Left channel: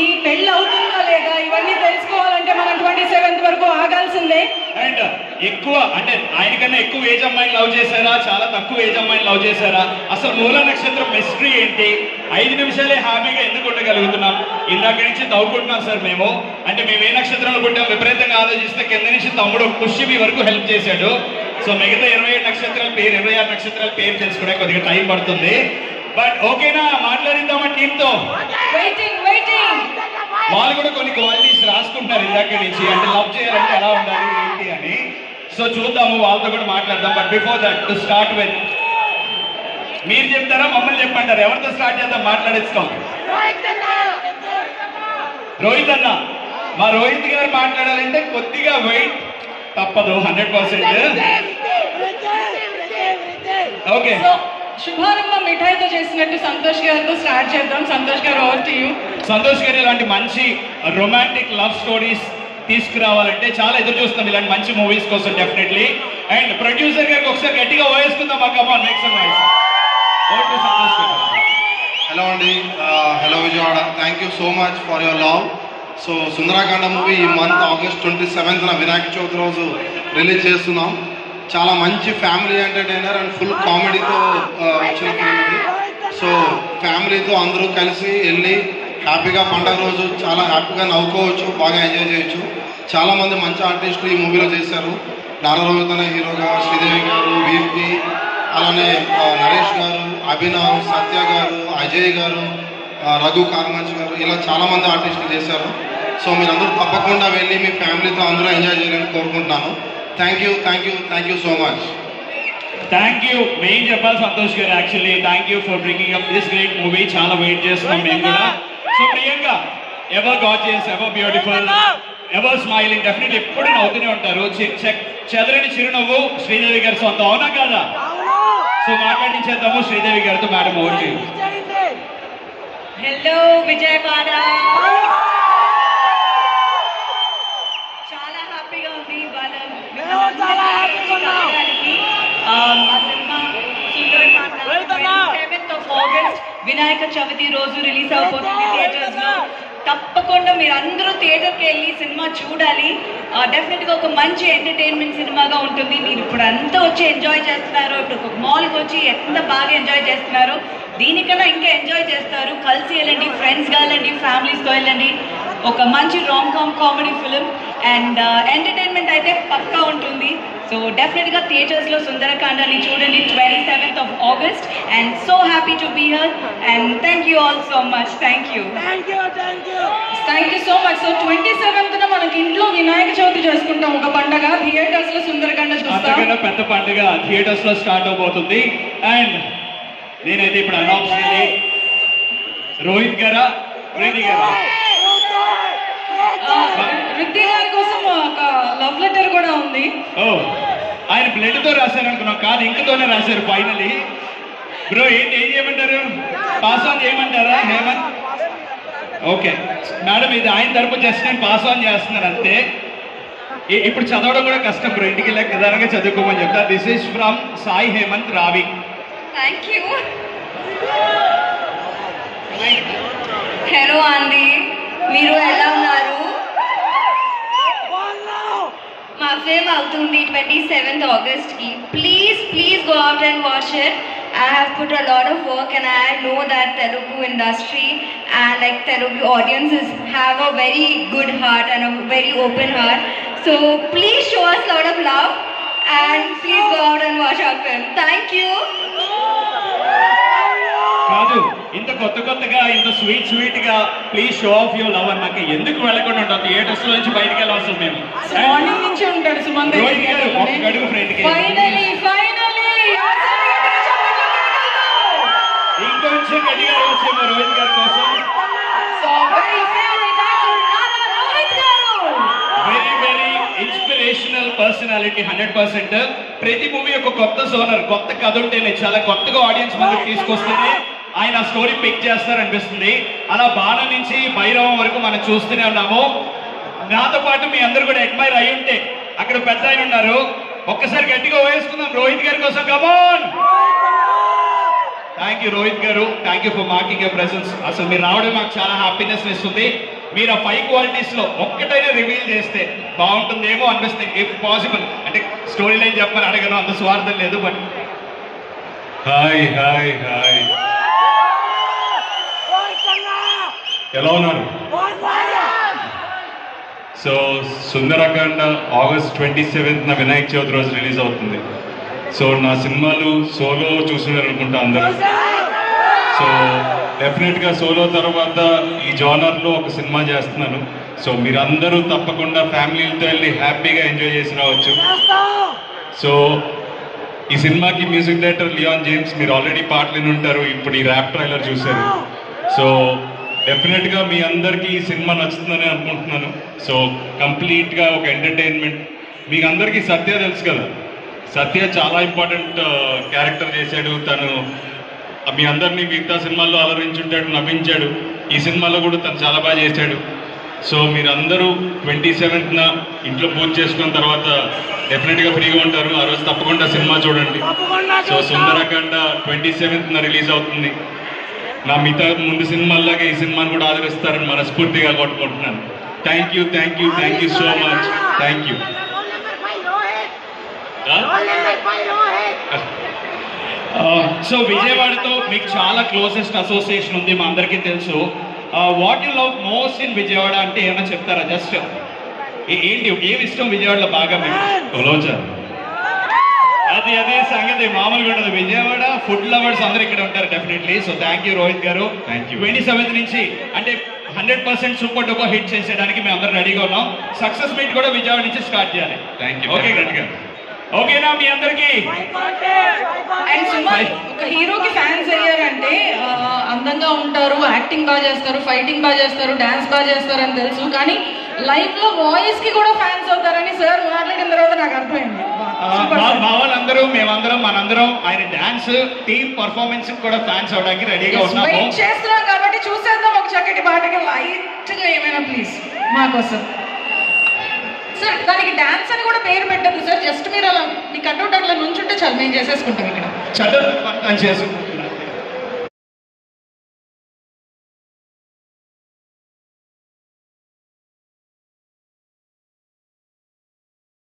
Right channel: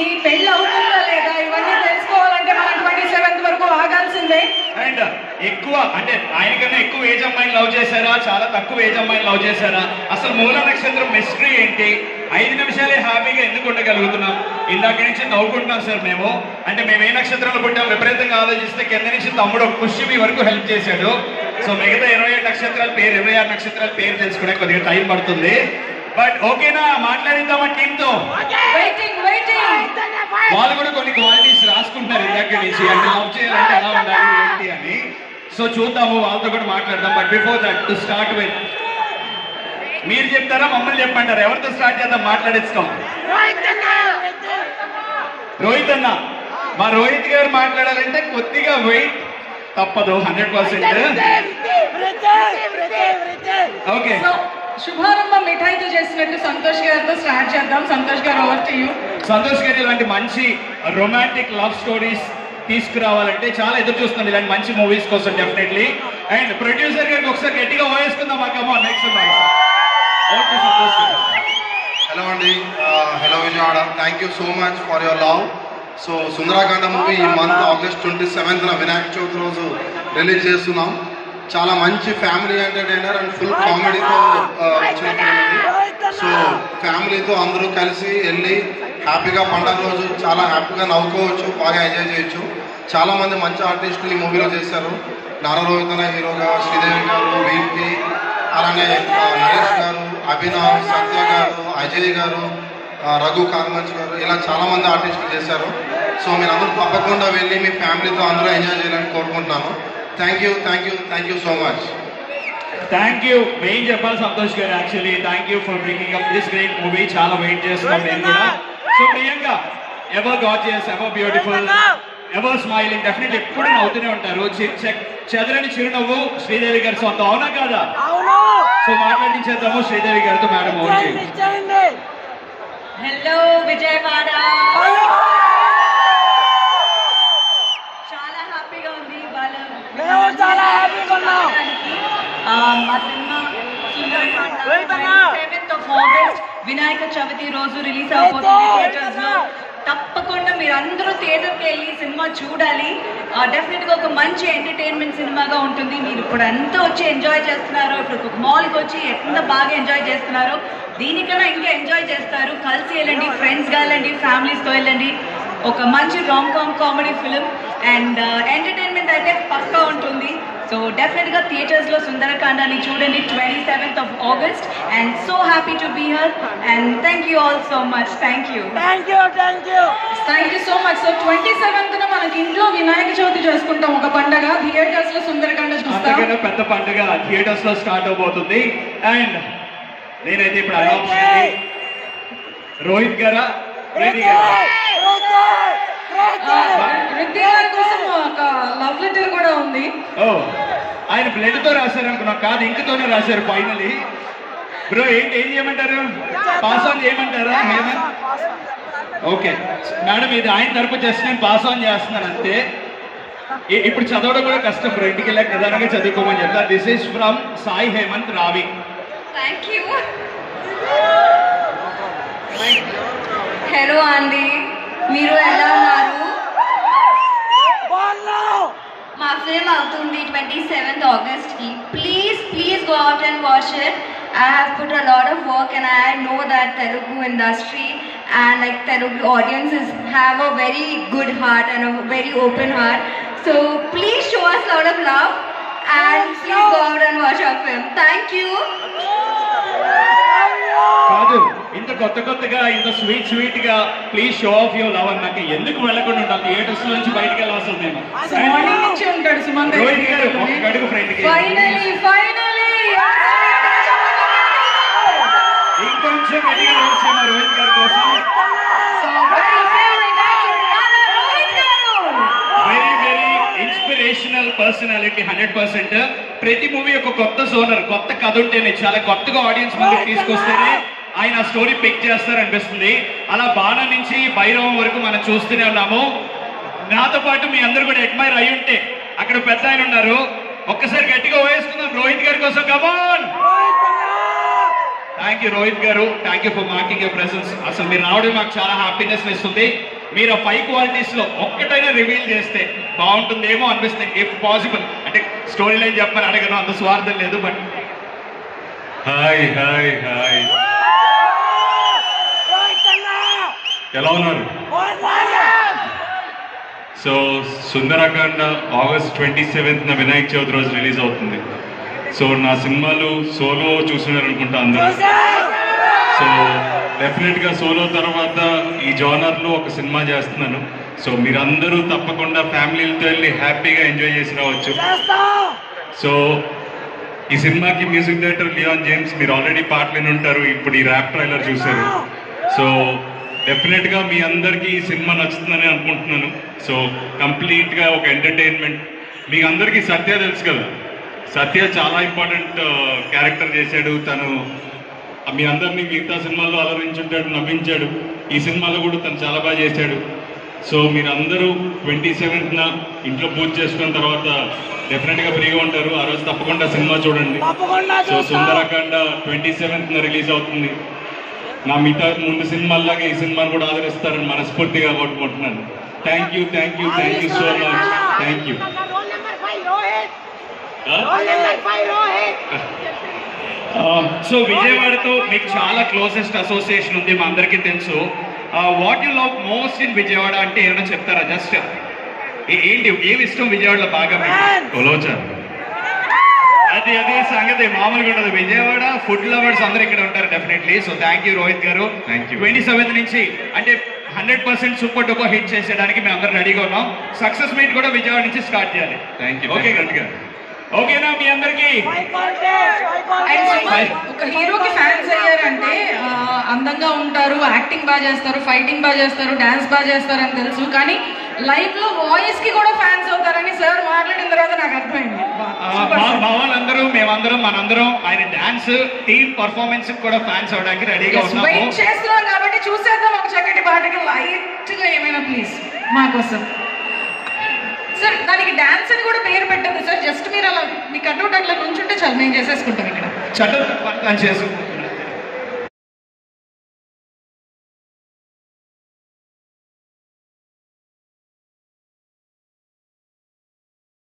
మీ పెళ్లి అవుతుందా లేదా ఇవన్నీ తెలుసుకోవాలంటే మనం 27th వరకు ఆగాల్సిందే. అండ్ ఎక్కువ అంటే ఆయనకన్నా ఎక్కువ ఏజ్ అమ్మాయిని లవ్ చేశారా, చాలా తక్కువ ఏజ్ అమ్మాయిని లవ్ చేశారా, అసలు మూల నక్షత్రం మిస్టరీ ఏంటి, 5 నిమిషాలే హ్యాపీగా ఎందుకు ఉండగలుగుతున్నాం? ఇందాక నుంచి నవ్వుకుంటున్నాం సార్ మేము. అంటే మేము ఏ నక్షత్రంలో పుట్టాం విపరీతంగా ఆలోచిస్తే కింద నుంచి తమ్ముడు ఒక పుష్యమి వరకు హెల్ప్ చేశాడు. సో మిగతా 27 నక్షత్రాల పేరు 26 నక్షత్రాల పేరు తెలుసుకునే కొద్దిగా టైం పడుతుంది. బట్ ఓకేనా, మాట్లాడిద్దామా టీమ్ తో? వాళ్ళు కూడా కొన్ని క్వాలిటీస్ రాసుకుంటారు ఇందాక నుంచి, అంటే లవ్ చేయాలంటే ఎలా ఉండాలి ఏంటి అని. సో చూద్దాము, వాళ్ళతో కూడా మాట్లాడదాం. But before that to start with, మీరు చెప్తారా మమ్మల్ని చెప్పంటారా? ఎవరితో స్టార్ట్ చేద్దాం మాట్లాడేస్తాం? రోహిత్ అన్న, మా రోహిత్ గారు మాట్లాడాలంటే కొద్దిగా వెయిట్ తప్పదు 100%. ఓకే, శుభారంభం మిఠాయితో చేసినట్టు సంతోష్ గారితో స్టార్ట్ చేద్దాం. సంతోష్ గారు, ఓవర్ టు యు. సంతోష్ గారు ఇలాంటి మంచి రొమాంటిక్ లవ్ స్టోరీస్ తీసుకురావాలంటే చాలా ఎదురు చూస్తున్నాం ఇలాంటి మంచి మూవీస్ కోసం డెఫినెట్లీ. అండ్ ప్రొడ్యూసర్ గారికి ఒకసారి గట్టిగా వాయిస్తుందాం. నెక్స్ట్ ఓకే సంతోష్ గారు. హలో అండి, hello Vijayawada. Thank you so much for your love. So Sundarakanda movie ఈ month August 27th Vinayaka Chavithi రోజు రిలీజ్ చేస్తున్నాం. చాలా మంచి ఫ్యామిలీ ఎంటర్టైనర్ అండ్ ఫుల్ కామెడీతో వచ్చిన ఫిల్మ్ ఇది. సో ఫ్యామిలీతో అందరూ కలిసి వెళ్ళి హ్యాపీగా పండుగ రోజు చాలా హ్యాపీగా నవ్వుకోవచ్చు, బాగా ఎంజాయ్ చేయొచ్చు. చాలా మంది మంచి ఆర్టిస్టులు ఈ మూవీలో చేశారు. నారాయణ హీరోగా శ్రీదేవి గారు, వీపీ, అలానే నరేష్ గారు, అభినవ్, సత్య గారు, అజయ్ గారు, రఘు కార్మంచ్ గారు, ఇలా చాలా మంది ఆర్టిస్టులు చేశారు. సో మీరందరూ తప్పకుండా వెళ్ళి మీ ఫ్యామిలీతో అందరూ ఎంజాయ్ చేయాలని కోరుకుంటున్నాము. Thank you so much. Thank you. Main చెప్పాలి సంతోష్ గారు, actually thank you for bringing up this great movie. చాలా వెయిట్ చేస్తున్నాం మేము కూడా. So Priyanka, ever gorgeous, ever beautiful, ever smiling, definite ఎప్పుడు నవ్వుతూనే ఉంటారు. చెదరని చిరునవ్వు శ్రీదేవి గారి సొంతం, అవునా కాదా? సో మాట్లాడించేద్దాము శ్రీదేవి గారితో. Madam okay. హలో విజయవాడ, చాలా హ్యాపీగా ఉంది ఇవాళ మా cinema Sundarakanda 27th of August Vinayaka Chavithi రోజు రిలీజ్ అవబోతుంది థియేటర్స్ లో. తప్పకుండా మీరు అందరూ థియేటర్కి వెళ్ళి సినిమా చూడాలి. డెఫినెట్ గా ఒక మంచి ఎంటర్టైన్మెంట్ సినిమాగా ఉంటుంది. మీరు ఇప్పుడు అంతా వచ్చి ఎంజాయ్ చేస్తున్నారు, ఇప్పుడు మాల్కి వచ్చి ఎంత బాగా ఎంజాయ్ చేస్తున్నారు, దీనికన్నా ఇంకా ఎంజాయ్ చేస్తారు. కలిసి వెళ్ళండి, ఫ్రెండ్స్ గా వెళ్ళండి, ఫ్యామిలీస్తో వెళ్ళండి. ఒక మంచి rom com comedy film and entertainment అయితే పక్కా ఉంటుంది. సో డెఫినెట్ గా థియేటర్స్ లో సుందరకాండని చూడండి 27th of August. And so happy to be here and thank you all so much. Thank you so much. So 27th మనకి ఇంట్లో వినాయక చవితి చేసుకుంటాం, ఒక పండగ. థియేటర్స్ లో సుందరకాండ చూస్తాం, పెద్ద పండుగ థియేటర్స్ లో స్టార్ట్ అవబోతుంది. అండ్ నేనైతే ఇప్పుడు అనౌన్సింది రోహిత్ గారా, రెడ్డి గారా? వృద్ధి గారి కోసం ఒక లవ్ లెటర్ కూడా ఉంది. ఓ, ఆయన బ్లడ్ తో రాశారు అనుకున్నా, కాదు ఇంకతోనే రాశారు ఫైనలీ. బ్రో ఏం చేయమంటారు? పాస్ ఆన్ చేయమంటారా హేమంత్? ఓకే మేడం, ఇది ఆయన తరపు జస్ట్ నేను పాస్ ఆన్ చేస్తున్నాను అంతే. ఇప్పుడు చదవడం కూడా కష్టం బ్రో, ఇంటికి వెళ్ళాక ప్రధానంగా చదువుకోమని చెప్తారు. This is from Sai Hemanth Ravi. Thank you. Hello అండి, మీరు ఎలా ఉన్నారు? మా ఫిల్మ్ అవుతుంది 27th August కి. Please go out and watch it. I have put a lot of work and I know that Telugu industry and like Telugu audiences have a very good heart and a very open heart. So please show us a lot of love and please go out and watch our film. Thank you. కాదు, ఇంత కొత్తగా ఇంత sweet గా please show off your love అన్నాక ఎందుకు వెళ్ళకుండా ఉంటాం? Theatres నుంచి బయటకు వెళ్ళాల్సి మేము మార్నింగ్ నుంచే ఉంటాడు సుమంత్ రోహిత్ గారు. ఒక గడుగు ఫ్రెండ్ కి ఇంకొంచెం గట్టిగా వచ్చేమో రోహిత్ గారి కోసం. Very inspirational personality 100%. ప్రతి మూవీ ఒక కొత్త జోనర్, కొత్త కథ ఉంటేనే, చాలా కొత్తగా ఆడియన్స్ ముందుకు తీసుకొస్తేనే ఆయన స్టోరీ పిక్ చేస్తారనిపిస్తుంది. అలా బాణం నుంచి భైరవం వరకు మనం చూస్తూనే ఉన్నాము. నాతో పాటు మీ అందరూ కూడా అడ్మైర్ అయి ఉంటే అక్కడ పెద్ద ఆయన ఉన్నారు, ఒక్కసారి గట్టిగా వేసుకుందాం రోహిత్ గారి కోసం. కమాన్. థ్యాంక్ యూ రోహిత్ గారు, thank you for marking your presence. అసలు మీరు రావడం నాకు చాలా హ్యాపీనెస్ ఇస్తుంది. మీరు ఆ 5 క్వాలిటీస్ లో ఒక్కటైనా రివీల్ చేస్తే బాగుంటుందేమో అనిపిస్తుంది, ఇఫ్ పాసిబుల్. అంటే స్టోరీ లైన్ చెప్పని అడగను, అంత స్వార్థం లేదు. బట్ హాయ్ హాయ్ హాయ్, ఎలా ఉన్నారు? సో సుందరకాండ ఆగస్ట్ 27న వినాయక చవితి రోజు రిలీజ్ అవుతుంది. సో నా సినిమాలు సోలో చూస్తున్నారనుకుంటా అందరూ. సో డెఫినెట్గా సోలో తర్వాత ఈ జోనర్లో ఒక సినిమా చేస్తున్నాను. సో మీరందరూ తప్పకుండా ఫ్యామిలీలతో వెళ్ళి హ్యాపీగా ఎంజాయ్ చేసి రావచ్చు. సో ఈ సినిమాకి మ్యూజిక్ డైరెక్టర్ లియాన్ జేమ్స్, మీరు ఆల్రెడీ పాటలు విని ఉంటారు, ఇప్పుడు ఈ ర్యాప్ ట్రైలర్ చూశారు. సో డెఫినెట్గా మీ అందరికీ ఈ సినిమా నచ్చుతుందని అనుకుంటున్నాను. సో కంప్లీట్గా ఒక ఎంటర్టైన్మెంట్. మీకు అందరికీ సత్య తెలుసు కదా, సత్య చాలా ఇంపార్టెంట్ క్యారెక్టర్ చేశాడు. తను మీ అందరినీ మిగతా సినిమాల్లో ఆదరించుంటాడు, నవ్వించాడు. ఈ సినిమాలో కూడా తను చాలా బాగా చేశాడు. సో మీరందరూ 27న ఇంట్లో పూజ చేసుకున్న తర్వాత డెఫినెట్గా ఫ్రీగా ఉంటారు. ఆ రోజు తప్పకుండా సినిమా చూడండి. సో సుందరకాండ 27న రిలీజ్ అవుతుంది. నా మిగతా ముందు సినిమాల్లాగా ఈ సినిమాను కూడా ఆదరిస్తారని మనస్ఫూర్తిగా కోరుకుంటున్నాను. Thank you so much. Thank you. So విజయవాడతో మీకు చాలా క్లోజెస్ట్ అసోసియేషన్ ఉంది, మా అందరికీ తెలుసు. What you love most in Vijayawada అంటే ఏమైనా చెప్తారా? జస్ట్ ఏంటి, ఏమి ఇష్టం విజయవాడలో బాగా మీకు? కొలవచారు. అదే సంగతి మామూలుగా ఉండదు. విజయవాడ ఫుడ్ లవర్స్ అందరూ ఇక్కడ ఉంటారు definitely. So thank you Rohit గారు. Thank you. 27 నుంచి అంటే 100% సూపర్ డూపర్ హిట్ చేసేయడానికి మేము అందరూ రెడీగా ఉన్నాం. సక్సెస్ మీట్ కూడా విజయవాడ నుంచి స్టార్ట్ చేయాలి. Thank you. ఓకే గట్టిగా ఓకేనా మీ అందరికీ? అండ్ సినిమా ఒక హీరోకి ఫ్యాన్స్ అయ్యారంటే అందంగా ఉంటారు, యాక్టింగ్ బాగా చేస్తారు, ఫైటింగ్ బాగా చేస్తారు, డాన్స్ బాగా చేస్తారు అని తెలుసు. కానీ లైఫ్ లో వాయిస్ కి కూడా ఫ్యాన్స్ అవుతారని సార్ మాట్లాడిన తర్వాత నాకు అర్థమైంది. మా వాళ్ళందరూ మేమందరం మనందరం ఆయన డాన్స్ టీమ్ పర్ఫార్మెన్స్ కూడా ఫ్యాన్స్ అవడానికి రెడీగా ఉన్నాము. వెయిట్ చేస్తున్నాం కాబట్టి చూసేద్దాం ఒక చక్కటి పాటకి లైట్ గా ఏమైనా ప్లీజ్ మా కోసం. సార్ దానికి డాన్స్ అని కూడా పేరు పెట్టదు సార్, జస్ట్ మీరు అలా మీ కట్అవుట్ అట్లా నుంచుంటే చాలు, మేము చేసేసుకుంటాం ఇక్కడ. చదువు చేసు